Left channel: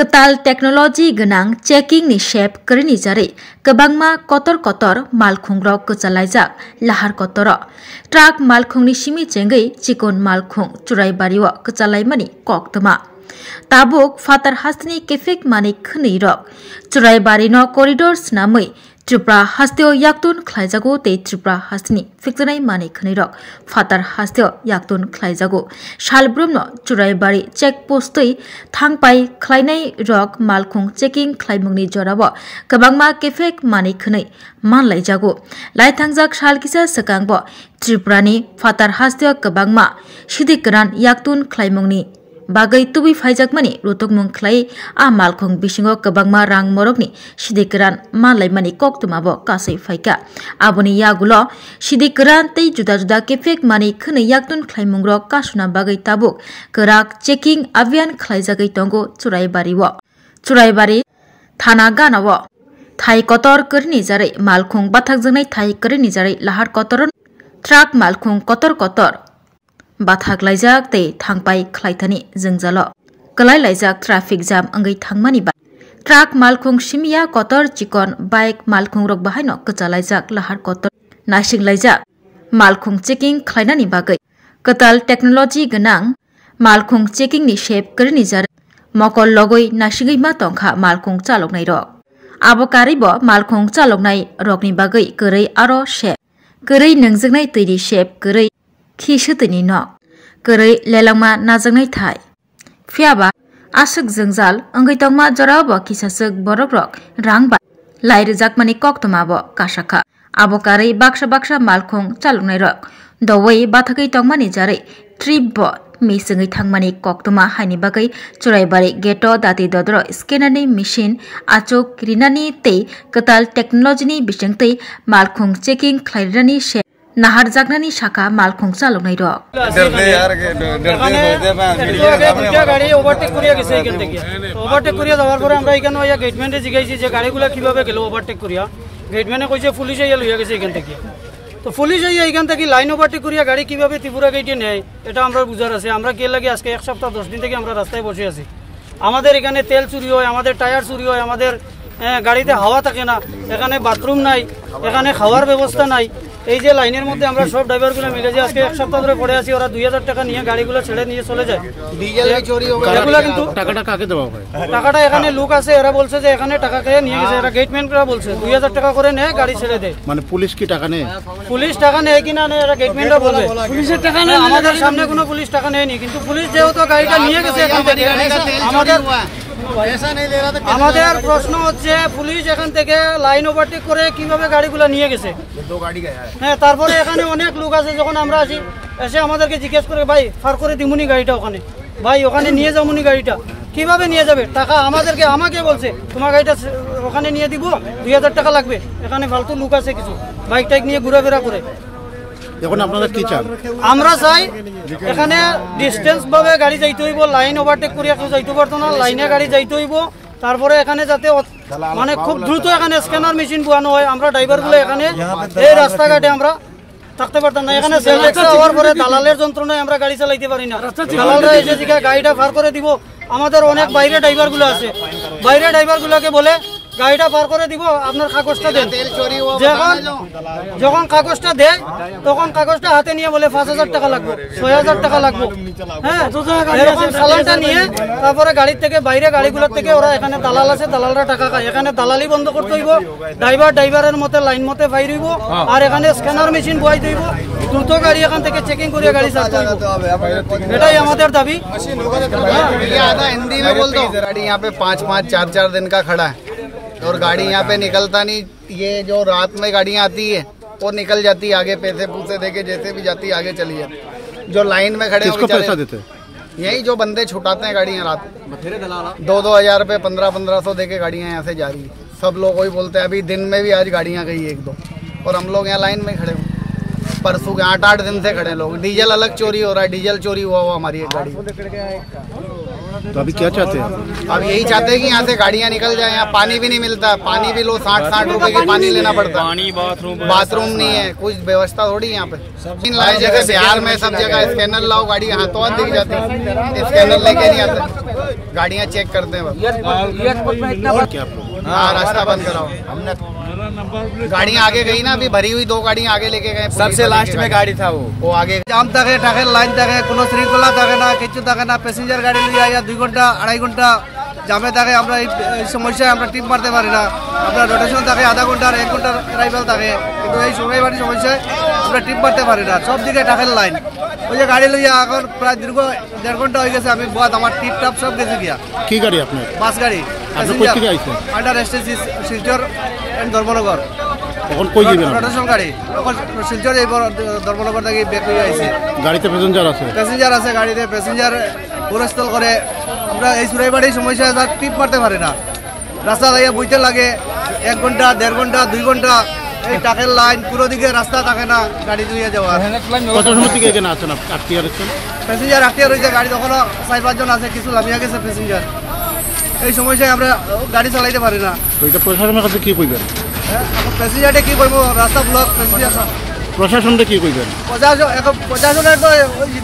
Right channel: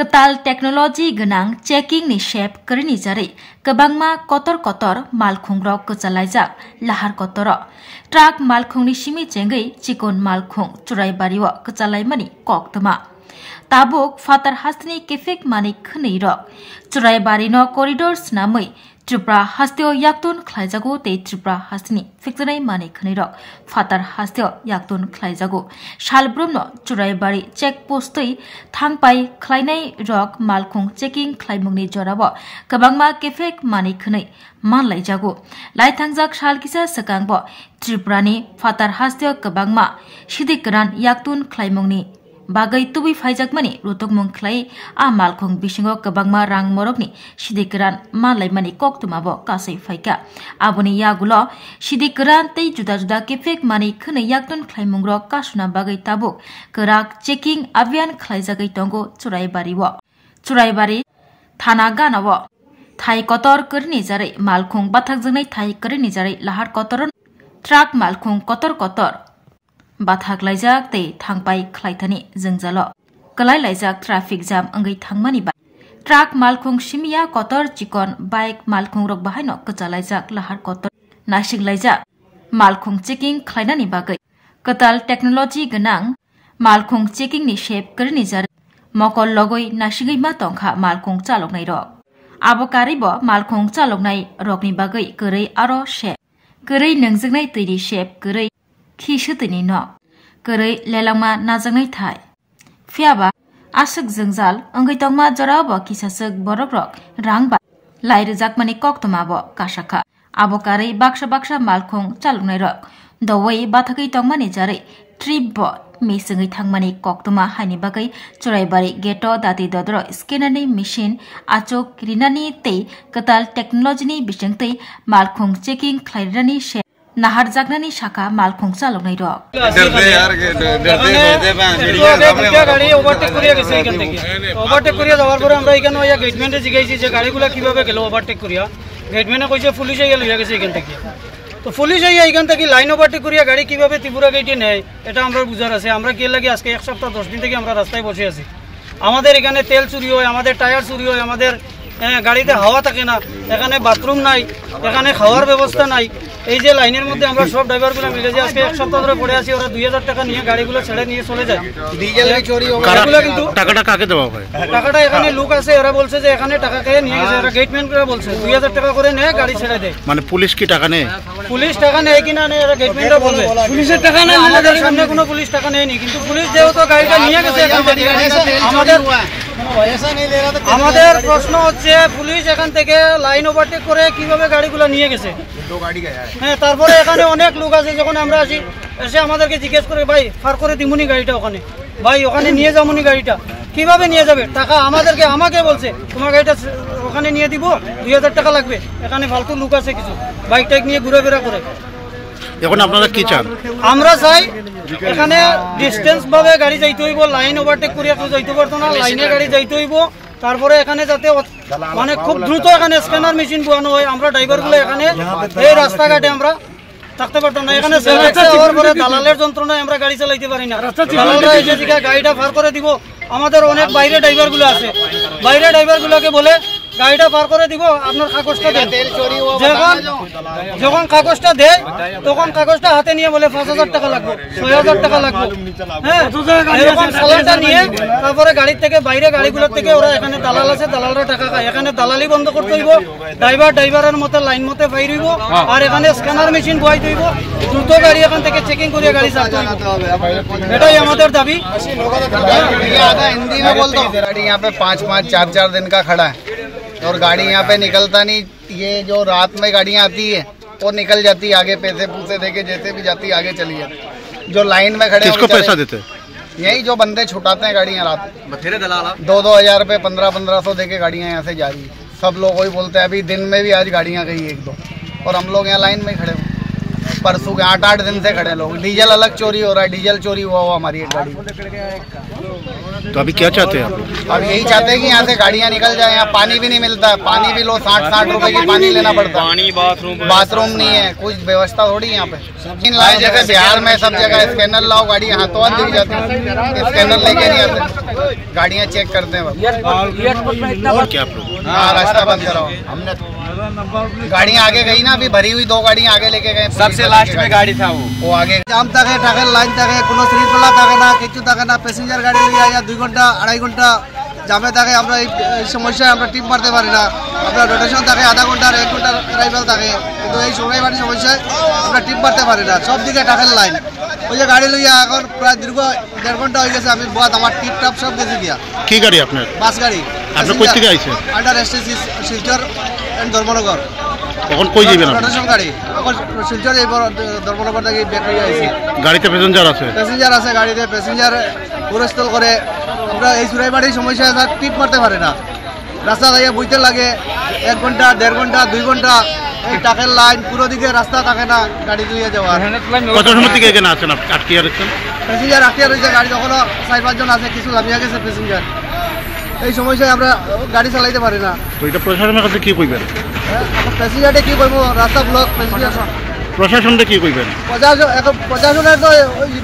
Ketal teknologi genang checking ni shape kerini jari kebangma kotor malkhungrok kecalaijak lahar kotoro truck malkhung ni simi chengai chikon malkhung churai bariwa kecalaimani kok tema tabuk fatar hastni kefek mani khni rok churai bari no corridor snamai Tripura hasteo yaktun khlaijago te Tripura hastni fikjanai mani khni rok fatar hasteo yaktun khlaijago salbrum no churai bari check post tei thangpai khlainai rok malkhung checking khlaimungni jorabo kabangma kefek mani khni manlaijago laithangjak salkisa sakangbo Tripura ni fatar hasteo kabangma sidikran yaktun khlaimungni bagai tubi phaijakmani rotokmung khlai a malkhung bisingo kabangma rang morokni sidikran manlaimani koktumabo kasai phaika aboni yagulo sidikran tei juda kefek mani khne yaktun khlaimungrok kasuna bagai tabuk kerak checking abhiyan khlaijagai tongo churaibari thana ganawo thai kotor kerni jarai malkhung bathakjanai thai kerni jarai lahar kotoron truck malkhung kotor bathak laijak tei thangpai khlaithani jengjalo kalai laijak traffic jam angai thangmani ba truck malkhung simia kotor chikon bike malkhung rok bahaino kachalaijak lahar kotor nasing laijak malkhung checking khlainani bagai Ketal technology genang malkhung checking ni shape kerini jar mokol logoi nasingai ma tongkha malkhung chaloknai rok abo karibo malkhung chaloknai rokni bagai korei aro shape korei nangjaknai tiri shape korei Kisutini no Korei lelangma najangnai thai Fiaba asuk jengjal angai tongma jorabo kisasuk borok rok rangba lairejakmani koktomabo kasaka abo karei baksa malkhung chalungnai rok dowai bathakai tongmani jarai trip bo misingai thangmani koktoma haini bagai churaibari geto dati dodro scanner machine achok rinani tei Ketal technology ni bisingtei malkhung checking khlairani she Nahar jagnani shaka malkhung chaloknai rok গাড়ি overtake করিয়া গেছে এখান থেকে overtake করিয়া যাওয়ার পরে আমরা এখানে ওই গেটম্যানে জিগাইছি যে গাড়িগুলো কিভাবে গেল ওভারটেক করিয়া গেটম্যানে কইছে পুলিশ আইয়া লইয়া গেছে এখান থেকে তো পুলিশ আইয়া এখান থেকে লাইন ওভারটেক করিয়া গাড়ি কিভাবে ত্রিপুরা গেটে নেয় এটা আমরা বুঝার আছে আমরা কি লাগে আজকে এক সপ্তাহ 10 দিন থেকে আমরা রাস্তায় বসে আছি আমাদের এখানে তেল চুরি হয় আমাদের টায়ার চুরি হয় আমাদের গাড়িতে হাওয়া থাকে না এখানে বাথরুম নাই এখানে খাওয়ার ব্যবস্থা নাই এই যে লাইনের মধ্যে আমরা সব ড্রাইভারগুলো মিলে যে আজকে এক সপ্তাহ ধরে পড়ে আছি ওরা 2000 টাকা নিয়ে গাড়িগুলো ছেড়ে নিয়ে চলে যায় ডিজেল চুরি হয় কিন্তু টাকাটা কাকে দেওয়া হয় টাকাটা এখানে লোক আছে ওরা বলছে যে এখানে টাকা খেয়ে নিয়ে গেছে এরা গেটম্যানরা বলছে 2000 টাকা করে নেয় গাড়ি ছেড়ে দেয় মানে পুলিশ কি টাকা নেয় পুলিশ টাকা নেয় কিনা নেয় এরা গেটম্যানরা বলবে পুলিশের টাকা নেয় আমাদের সামনে কোনো পুলিশ টাকা নেয়নি কিন্তু পুলিশ যেহেতু গাড়িটা নিয়ে গেছে এখান থেকে আমাদের প্রশ্ন হচ্ছে পুলিশ এখান থেকে লাইন ওভারটেক করে কিভাবে গাড়িগুলো নিয়ে গেছে হ্যাঁ তারপরে এখানে অনেক লোক আছে যখন আমরা আসি এসে আমাদেরকে জিজ্ঞেস করে ভাই ফার করে দিমুনি গাড়িটা ওখানে ভাই ওখানে নিয়ে যামুনি গাড়িটা কিভাবে নিয়ে যাবে টাকা আমাকে বলছে তোমার গাড়িটা ওখানে নিয়ে দিব 2000 টাকা লাগবে এখানে ফালতু লোক আছে কিছু বাইক টাইক নিয়ে ঘুরাফেরা করে এখন আপনারা কি চান আমরা চাই এখানে ডিসটেন্স ভাবে গাড়ি যাইতে হইব লাইন ওভারটেক করিয়া কেউ যাইতে পারতো না লাইনে গাড়ি যাইতে হইব তারপরে এখানে যাতে মানে খুব দ্রুত এখানে স্ক্যানার মেশিন বসানো হয় আমরা ড্রাইভারগুলো এখানে এই রাস্তাঘাটে আমরা থাকতে পারতাম না এখানে সেলফেক্স হওয়ার পরে দালালের যন্ত্রণায় আমরা গাড়ি চালাইতে পারি না দালালরা এসে গাড়িটা পার করে দিব আমাদের অনেক বাইরে ড্রাইভারগুলো আছে বাইরে ড্রাইভারগুলোকে বলে গাড়িটা পার করে দিব আপনার কাগজটা দেন যখন কাগজটা দেয় তখন কাগজটা হাতে নিয়ে বলে 5000 টাকা লাগবে 6000 টাকা লাগবে হ্যাঁ এরকম চালানটা নিয়ে তারপরে গাড়ির থেকে বাইরে গাড়িগুলোর থেকে ওরা এখানে দালাল আছে দালালরা টাকা খায় এখানে দালালি বন্ধ করতে হইব ড্রাইভারের মতে লাইন মতে বাইর হইব আর এখানে স্ক্যানার মেশিন বসাইতে হইব দ্রুত গাড়ি এখান থেকে চেকিং করে গাড়ি চালাতে হইব এটাই আমাদের দাবি हिंदी में बोल दो गाड़ी यहाँ पे 5-5 4-4 दिन का खड़ा है और गाड़ी यहाँ पे निकलता नहीं ये जो रात में गाड़ियाँ आती है वो निकल जाती है आगे पैसे पूसे देके जैसे भी जाती है आगे चली जाती जो लाइन में खड़े किसको पैसा देते यही जो बंदे छुटाते हैं गाड़ियाँ रात 2-2 हजार रुपये 1500 देके गाड़ियाँ यहाँ से जा रही है सब लोग वही बोलते हैं अभी दिन में भी आज गाड़ियाँ गई 1-2 और हम लोग यहाँ लाइन में खड़े हुए परसों के 8-8 दिन से खड़े लोग डीजल अलग चोरी हो रहा है डीजल चोरी हुआ हमारी एक गाड़ी तो अभी क्या चाहते हैं आप? अब यही चाहते हैं कि यहाँ से गाड़ियाँ निकल जाए। यहाँ पानी भी नहीं मिलता, पानी भी लो 60-60 रुपए की पानी लेना पड़ता है। बाथरूम नहीं है, कुछ व्यवस्था थोड़ी यहाँ पे। हर जगह बिहार में सब जगह स्कैनर लाओ, गाड़ी हाथों हाथ दिख जाती है, स्कैनर लेके नहीं आते, गाड़ियाँ चेक करते हैं बस। और क्या आप लोग? हाँ, रास्ता बंद कराओ। हमने गाड़ियाँ आगे गई ना, अभी भरी हुई 2 गाड़ियाँ आगे लेके गए। सबसे लास्ट में गाड़ी था वो आगे। জাম থাকে থাকে লাইন থাকে কোনো শৃঙ্খলা থাকে না কিছু থাকে না প্যাসেঞ্জার গাড়ি নিয়ে আয়া 2 ঘন্টা 2.5 ঘন্টা জামে থাকে আমরা এই সমস্যায় আমরা টিপ মারতে পারি না আমরা রোটেশন থাকে আধা ঘন্টা 1 ঘন্টা অ্যারাইভাল থাকে কিন্তু এই সময়বাড়ি সমস্যায় আমরা টিপ মারতে পারি না সব দিকে টাকার লাইন ওই যে গাড়ি লইয়া এখন প্রায় দীর্ঘ 1.5 ঘন্টা হয়ে গেছে আমি বহুত আমার টিপ টাপ সব গেছে দিয়া কি গাড়ি আপনার? বাস গাড়ি। আপনি কই থেকে আইছেন? Under STC Silchar and Dharmanagar. কখন কই যাবেন আপনি? রোটেশন গাড়ি এখন শিলচর এই ধর্মনগর থেকে বের হয়ে আইছি। গাড়িতে প্যাসেঞ্জার আছে? প্যাসেঞ্জার আছে গাড়িতে, প্যাসেঞ্জার পুরস্থল করে আমরা এই সুরাইবাড়ির সমস্যা টিপ মারতে পারি না রাস্তা দাঁড়িয়ে বইতে লাগে 1 ঘন্টা 1.5 ঘন্টা 2 ঘন্টা এই টাকের লাইন পুরো দিকে রাস্তা থাকে না গাড়ি দিয়ে যাওয়ার। কত সময় থেকে এখানে আছেন আটকে আছেন? প্যাসেঞ্জার আটকে রয়েছে গাড়ি তখনও 4-5 জন আছে কিছু লামিয়া গেছে প্যাসেঞ্জার এই সমস্যায় আমরা গাড়ি চালাইতে পারি না। ওইটা প্রশাসনের কাছে কি কইবেন? এখন প্যাসেঞ্জারে কি করবো রাস্তা ব্লক প্যাসেঞ্জার প্রশাসনটা কি কইবেন? প্রশাসনের তো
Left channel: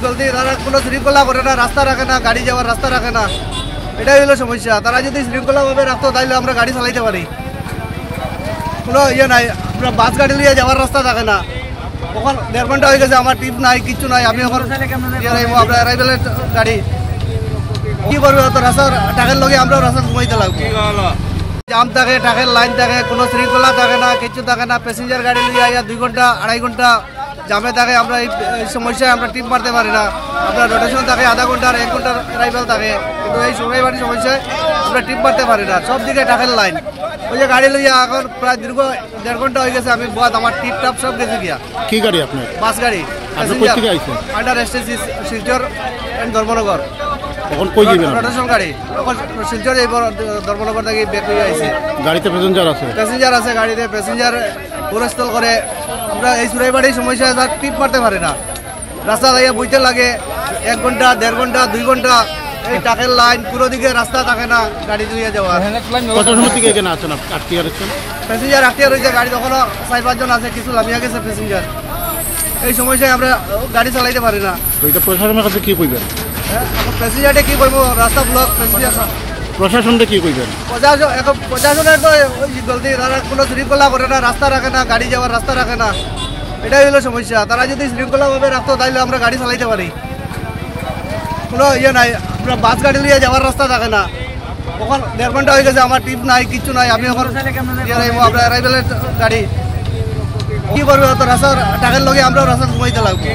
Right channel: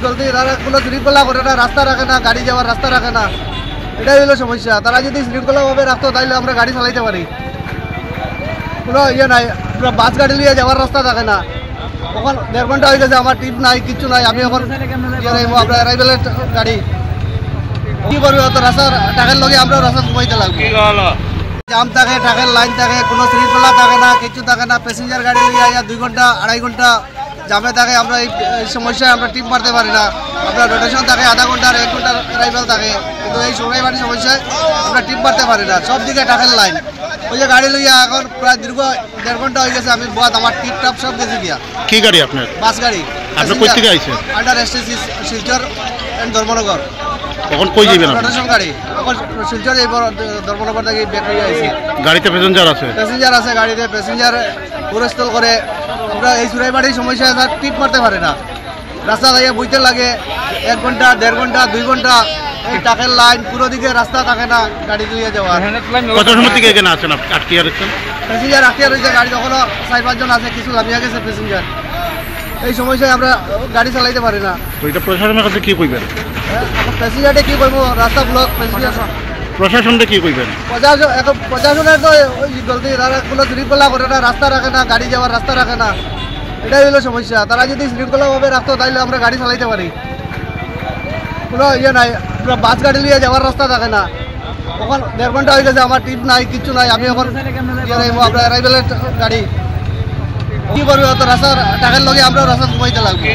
জলদি কোনো শৃঙ্খলা করে না রাস্তা রাখে না গাড়ি যাওয়ার রাস্তা রাখে না এটাই হলো সমস্যা। তারা যদি শৃঙ্খলাভাবে রাখতো তাহলে আমরা গাড়ি চালাইতে পারি কোনো ইয়ে নাই আমরা বাস গাড়ি নিয়ে যাওয়ার রাস্তা থাকে না তখন 1.5 ঘন্টা হয়ে গেছে আমার টিপ নাই কিচ্ছু নাই আমি এখন আপনার অ্যারাইভেলের গাড়ি কি করবো তো রাস্তা টাকার লগে আমরা রাস্তা ঘুমাইতে লাগবে জাম থাকে টাকার লাইন থাকে কোনো শৃঙ্খলা থাকে না কিছু থাকে না প্যাসেঞ্জার গাড়ি নিয়ে আয়া 2 ঘন্টা 2.5 ঘন্টা জামে থাকে আমরা এই সমস্যায় আমরা টিপ মারতে পারি না আপনার রোটেশন থাকে আধা ঘন্টা 1 ঘন্টা অ্যারাইভাল থাকে কিন্তু এই সময়বাড়ি সমস্যায় আমরা টিপ মারতে পারি না সব দিকে টাকার লাইন ওই যে গাড়ি লইয়া এখন প্রায় দীর্ঘ 1.5 ঘন্টা হয়ে গেছে আমি বহুত আমার টিপ টাপ সব গেছে দিয়া। কি গাড়ি আপনার? বাস গাড়ি। আপনি কই থেকে আইছেন? Under STC Silchar and Dharmanagar. কখন কই যাবেন আপনি? রোটেশন গাড়ি এখন শিলচর এই ধর্মনগর থেকে বের হয়ে আইছি। গাড়িতে প্যাসেঞ্জার আছে? প্যাসেঞ্জার আছে গাড়িতে, প্যাসেঞ্জার পুরস্থল করে আমরা এই সুরাইবাড়ির সমস্যা টিপ মারতে পারি না রাস্তা দাঁড়িয়ে বইতে লাগে 1 ঘন্টা 1.5 ঘন্টা 2 ঘন্টা এই টাকের লাইন পুরো দিকে রাস্তা থাকে না গাড়ি দিয়ে যাওয়ার। কত সময় থেকে এখানে আছেন আটকে আছেন? প্যাসেঞ্জার আটকে রয়েছে গাড়ি তখনও 4-5 জন আছে কিছু লামিয়া গেছে প্যাসেঞ্জার এই সমস্যায় আমরা গাড়ি চালাইতে পারি না। ওইটা প্রশাসনের কাছে কি কইবেন? এখন প্যাসেঞ্জারে কি করবো রাস্তা ব্লক প্যাসেঞ্জার প্রশাসনটা কি কইবেন? প্রশাসনের তো জলদি কোনো শৃঙ্খলা করে না রাস্তা রাখে না গাড়ি যাওয়ার রাস্তা রাখে না এটাই হলো সমস্যা। তারা যদি শৃঙ্খলাভাবে রাখতো তাহলে আমরা গাড়ি চালাইতে পারি কোনো ইয়ে নাই আমরা বাস গাড়ি নিয়ে যাওয়ার রাস্তা থাকে না তখন 1.5 ঘন্টা হয়ে গেছে আমার টিপ নাই কিচ্ছু নাই আমি এখন আপনার অ্যারাইভেলের গাড়ি কি করবো তো রাস্তা টাকার লগে আমরা রাস্তা ঘুমাইতে লাগবে।